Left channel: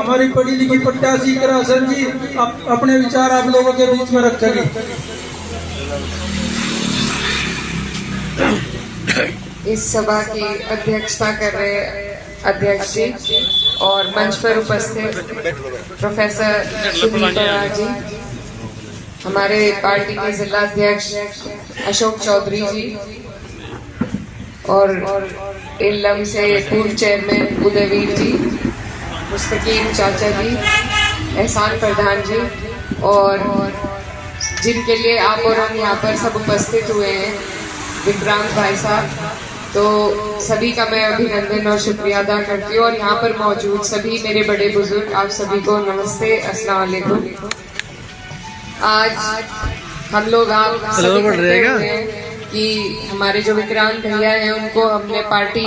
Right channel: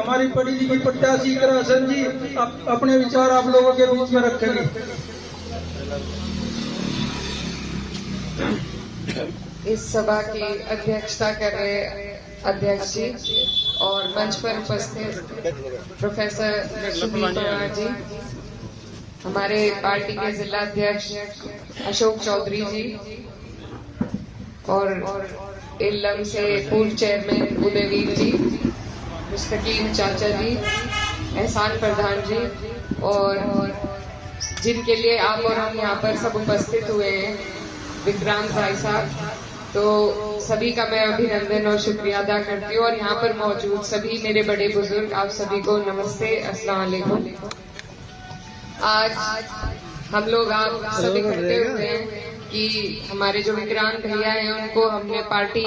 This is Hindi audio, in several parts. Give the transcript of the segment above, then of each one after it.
हमारी पढ़ी लिखी प्रत्याशी करासन जी अपने विचार आप लोगों के बीच में रखेंगे। इस सभा की अध्यक्षता कर रहे अध्यक्ष जी और मंच पर उपस्थित प्रोफेसर सुदीप बराड़ जी, हमारे पार्टी के जिला अध्यक्ष अशोक चौधरी जी और इल्लम से पूर्व चेयरमैन उदयवीर जी, मुस्तकीम चाचा जी, एहसान प्रधान जी और जिनके लिए आप और हम यहाँ पर सब उपस्थित हुए हैं, विक्रांत भाई साहब, तो सभी का मैं अभिनंदन और शुक्रिया अदा करती हूँ। और यहाँ पर मौजूद सभी मेरे बड़े बुजुर्ग, आप सभी को नमस्ते, अस्सलाम वालेकुम। आज हम लोग आप सभी इकट्ठे हुए हैं कि हमारे जो विक्रांत भैया हैं उनको हमने पार्टी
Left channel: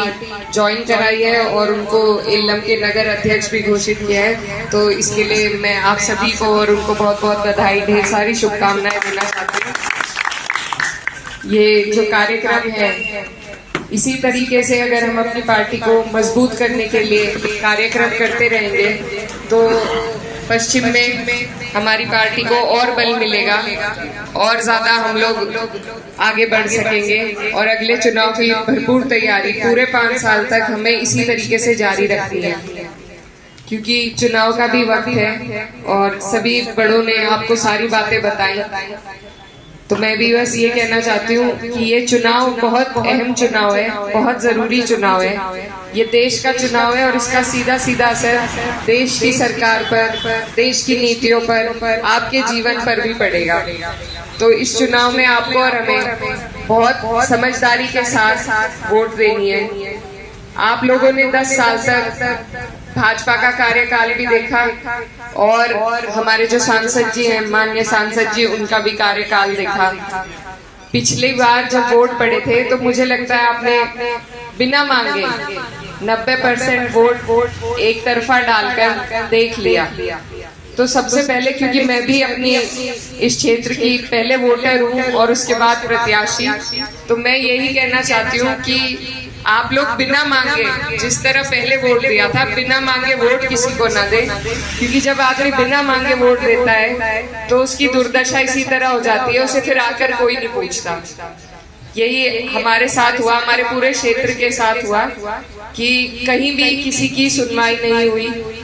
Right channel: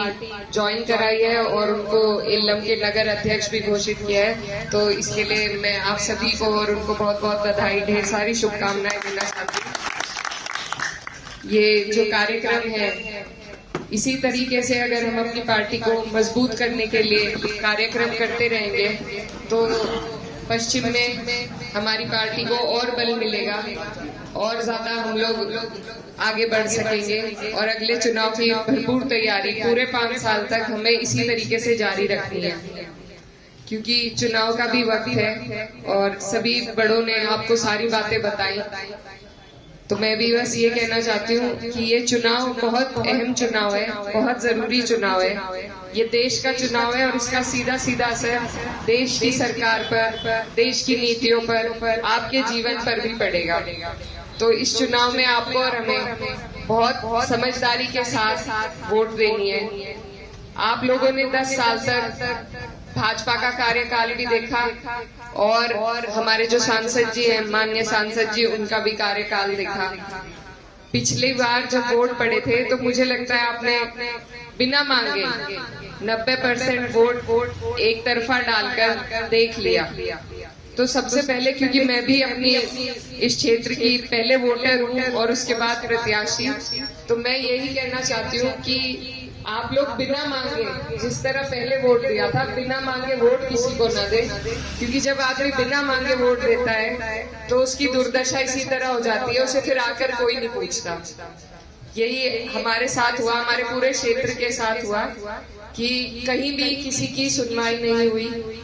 ज्वाइन कराई है और उनको इल्लम के नगर अध्यक्ष भी घोषित किया है। तो इसके लिए मैं आप सभी को और उनको बहुत बहुत बधाई, ढेर सारी शुभकामनाएं देना चाहती हूँ। ये जो कार्यक्रम है, इसी तरीके से अगर हम अपनी पार्टी को मजबूत करने के लिए कार्यक्रम करते रहेंगे तो पश्चिम में हमारी पार्टी को और बल मिलेगा और ज्यादा हम लोग आगे बढ़ सकेंगे। और अगले चुनाव की भरपूर तैयारी पूरे 5 साल तक हमें इसी तरीके से जारी रखनी है, क्योंकि चुनाव का भी वक्त है और सभी बड़ों ने आपको सारी बातें बताई। तो मैं भी बस ये कहना चाहती हूँ कि ये चुनाव बहुत अहम चुनाव है, बहुत जरूरी चुनाव है। ये देश का चुनाव है और इसका सीधा सीधा असर देश की सरकार पर, देश की नीतियों पर, आपके जीवन पर भी पड़ेगा। तो इस चुनाव में आपको और हमें बहुत समझदारी के साथ वोट देनी है। आप लोगों ने 10 साल तक भाजपा का कार्यकाल भी देखा और हमारे जो सांसद जी हैं, माननीय सांसद जी, उनका भी कार्यकाल देखा। पिछली बार जब वोट पड़े थे तो मुझे लगता है आपने बिना मांगे 90% वोट एक तरफा डालकर देख लिया। तो सबसे पहले, क्योंकि मैं भी अपनी इस क्षेत्र की पहले वोटर हूँ और उसके बाद प्रत्याशी, तो मैं यही कहना चाहती हूँ कि आप लोग बिना मांगे, जिस तरह पहले वोट दिया था, बिना मांगे वोट किसी को ना दे, क्योंकि जब आदमी बिना मांगे वोट देता है तो उसकी दुर्दशा इसी तरह हो जाती है, उसे फिर आकर कोई नहीं पूछता। यही हमारे साथ हुआ, हमारे पूरे क्षेत्र के साथ हुआ कि कहीं भी किसी की सुनवाई नहीं हुई।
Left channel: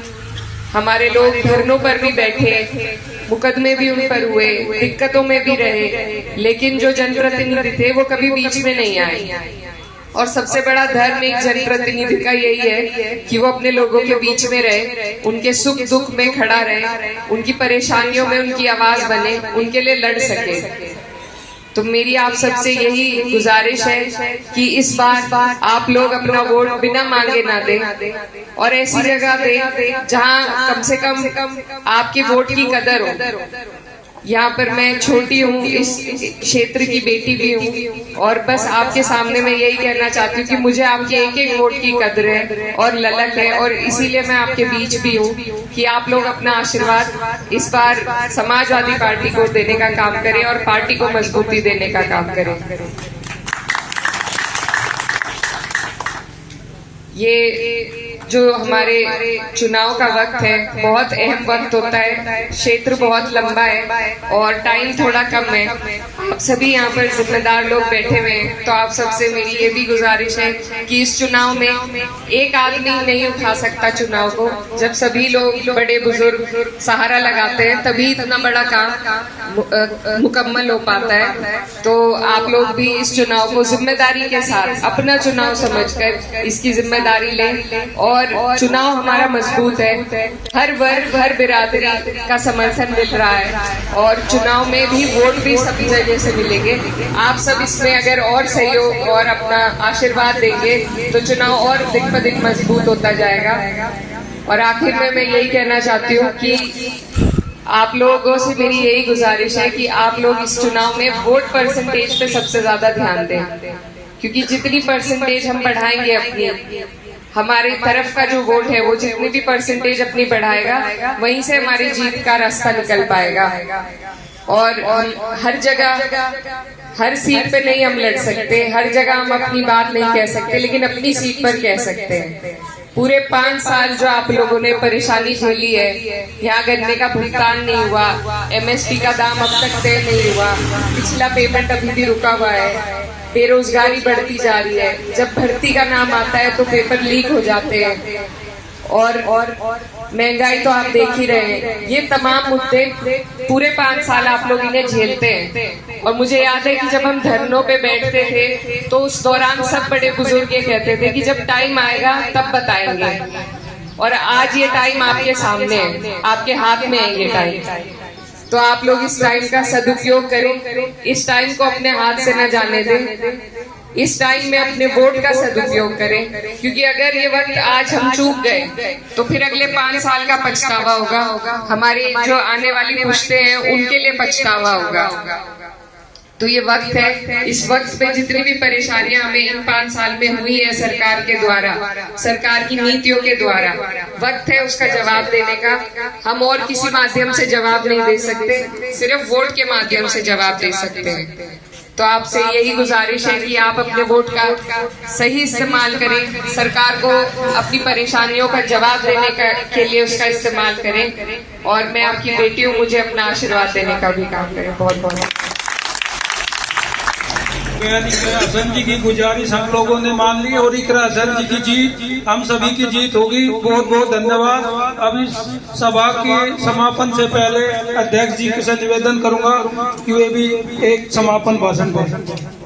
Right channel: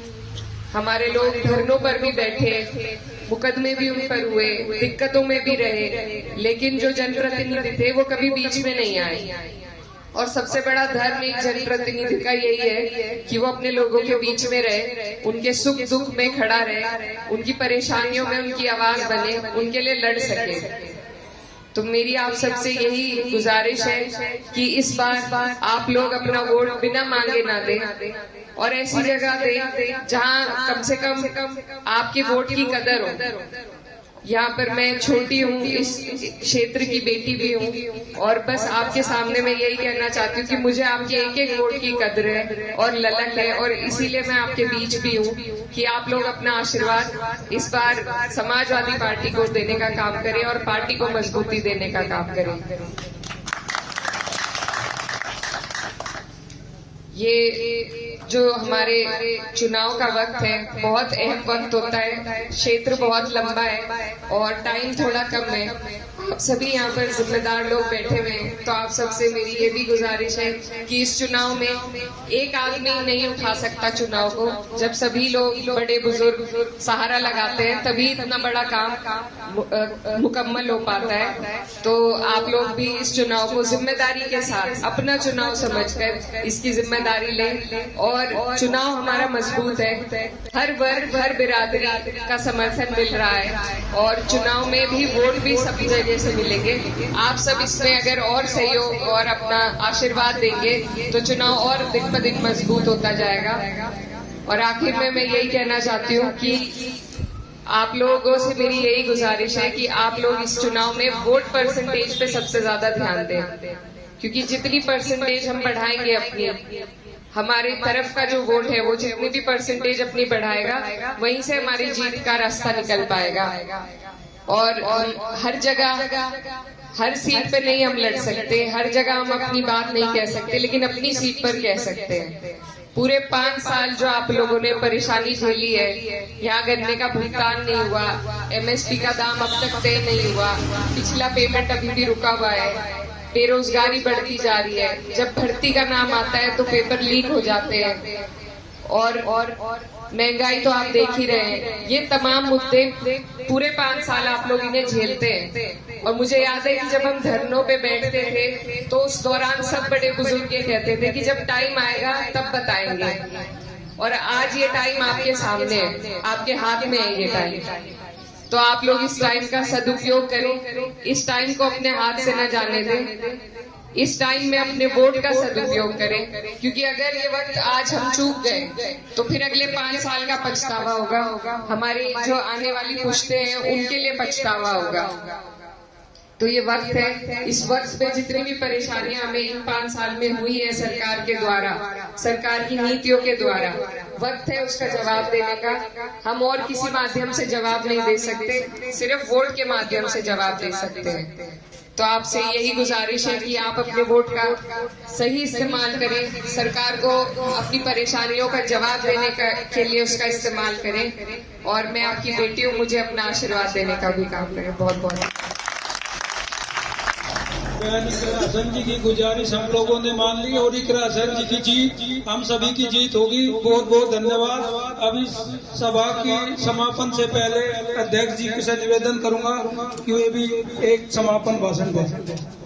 हमारे लोग धरनों पर भी बैठे, मुकदमे भी उन पर हुए, दिक्कतों में भी रहे, लेकिन जो जनप्रतिनिधि थे वो कभी बीच में नहीं आए। और सबसे बड़ा धर्म एक जनप्रतिनिधि का यही है कि वो अपने लोगों के बीच में रहे, उनके सुख दुख में खड़ा रहे, उनकी परेशानियों में उनकी आवाज बने, उनके लिए लड़ सके। तो मेरी आप सबसे यही गुजारिश है कि इस बार आप लोग अपना वोट बिना मांगे ना दें और ऐसी जगह दें जहां कम से कम आपके वोट की कदर हो। यहाँ पर मैं छोटी हूँ, इस क्षेत्र की बेटी भी हूँ और बस आपके सामने मैं यही कहना चाहती हूँ कि मुझे आपके एक एक वोट की कदर है और ललक है, और इसीलिए मैं आपके बीच भी हूँ कि आप लोग अपना आशीर्वाद इस बार समाजवादी पार्टी को देने का काम करें और पार्टी को मजबूती देने का काम करें। ये जो हमारे चुनाव का वक्त है, बहुत अहम वक्त होता है, क्षेत्र बहुत लंबा है और टाइम थोड़ा कम है। आप सभी यहाँ पर जिम्मेदार लोग बैठे हुए हैं, तो आप सबसे मेरी ये भी गुजारिश है कि इस चुनाव में एक आदमी नहीं उठा सकता चुनाव को। जब सभी लोग बड़े बुजुर्ग सहारा लगाते हैं तभी इतना बड़ा काम मुकम्मल हो पाता है। तो आप लोग भी इस चुनाव को जिम्मेदारी के साथ अपना चुनाव समझकर इसकी जिम्मेदारी लें और चुनाव हमारा मजबूत है। हर वर्ग, हर बिरादरी का समर्थन मिल रहा है और चुनाव में भी वोट भी सभी जगह से मिलेंगे। आप सब इसमें अगर और सहयोग और अपना आशीर्वाद देंगे तो चुनाव और दिन ब दिन मजबूत होता जाएगा। और आखिर में मैं यही कहना चाहती हूँ कि आप लोगों से मेरी यही गुजारिश है कि आप लोग इस चुनाव में वोट परसेंटेज पे सबसे ज्यादा ध्यान दें, क्योंकि जितनी परसेंटेज हम बढ़ाएंगे अपनी, हमारी तरफ का जो वोट है वो जितनी भी परसेंटेज अपनी बढ़ाएगा, वहीं से हमारी जीत का रास्ता निकल पाएगा। और हर जगह, हर सीट पे नहीं हम लड़ सकते, हर जगह हम अपनी बात नहीं कह सकते, लेकिन अपनी सीट पर कह सकते हैं। पूरे 5 साल जो आप लोगों ने परेशानी झेली है, यहाँ गन्ने का भुगतान नहीं हुआ, एमएसपी का दाम अब तक तय नहीं हुआ, पिछला पेमेंट अभी भी रुका हुआ है, बेरोजगारी बढ़ती जा रही है, जब भर्ती का नाम आता है तो पेपर लीक हो जाते हैं, और महंगाई तो आप देख ही रहे हैं। ये तमाम मुद्दे पूरे 5 साल आप लोग इन्हें झेलते हैं। और मुझे याद है कि जब हम धरनों पे बैठते थे तो उस दौरान सब बड़े बुजुर्ग ये कहते थे कि जब टाइम आएगा तब बताएंगे, और आज ये टाइम आपके सामने है, आपके हाथ में है ये टाइम। तो आप लोग इस टाइम का सदुपयोग करें, इस टाइम को अपने हाथ से न जाने दें, इस टाइम में अपने वोट का सदुपयोग करें, क्योंकि अगर ये वक्त आज हम चूक गए तो फिर अगले 5 साल का पछतावा होगा, हमारी जो आने वाली पुश्तें हैं उनके लिए पछतावा होगा। तो ये वक्त है, इस वक्त में जितनी भी परेशानियां हमें इन 5 साल में हुई है सरकार के द्वारा, सरकार की नीतियों के द्वारा, वक्त है उसका जवाब देने का। हम और किसी माध्यम से जवाब नहीं दे सकते, सिर्फ वोट के माध्यम से जवाब दे सकते हैं। तो आपसे यही गुजारिश है कि आप अपने वोट का सही इस्तेमाल करें, सरकार को अपनी परेशानियों का जवाब देने के लिए उसका इस्तेमाल करें, और मैं आपकी बेटी हूँ, मुझे अपना आशीर्वाद देने का भी काम करें। बहुत बहुत हसन जी की गुजारिश हम लोगों ने मान ली, और इकरा हसन जी की जीत हम सभी की जीत होगी। बहुत बहुत धन्यवाद। अभी सभा के समापन से पहले अध्यक्ष जी से निवेदन करूंगा कि वे भी एक समापन भाषण दें।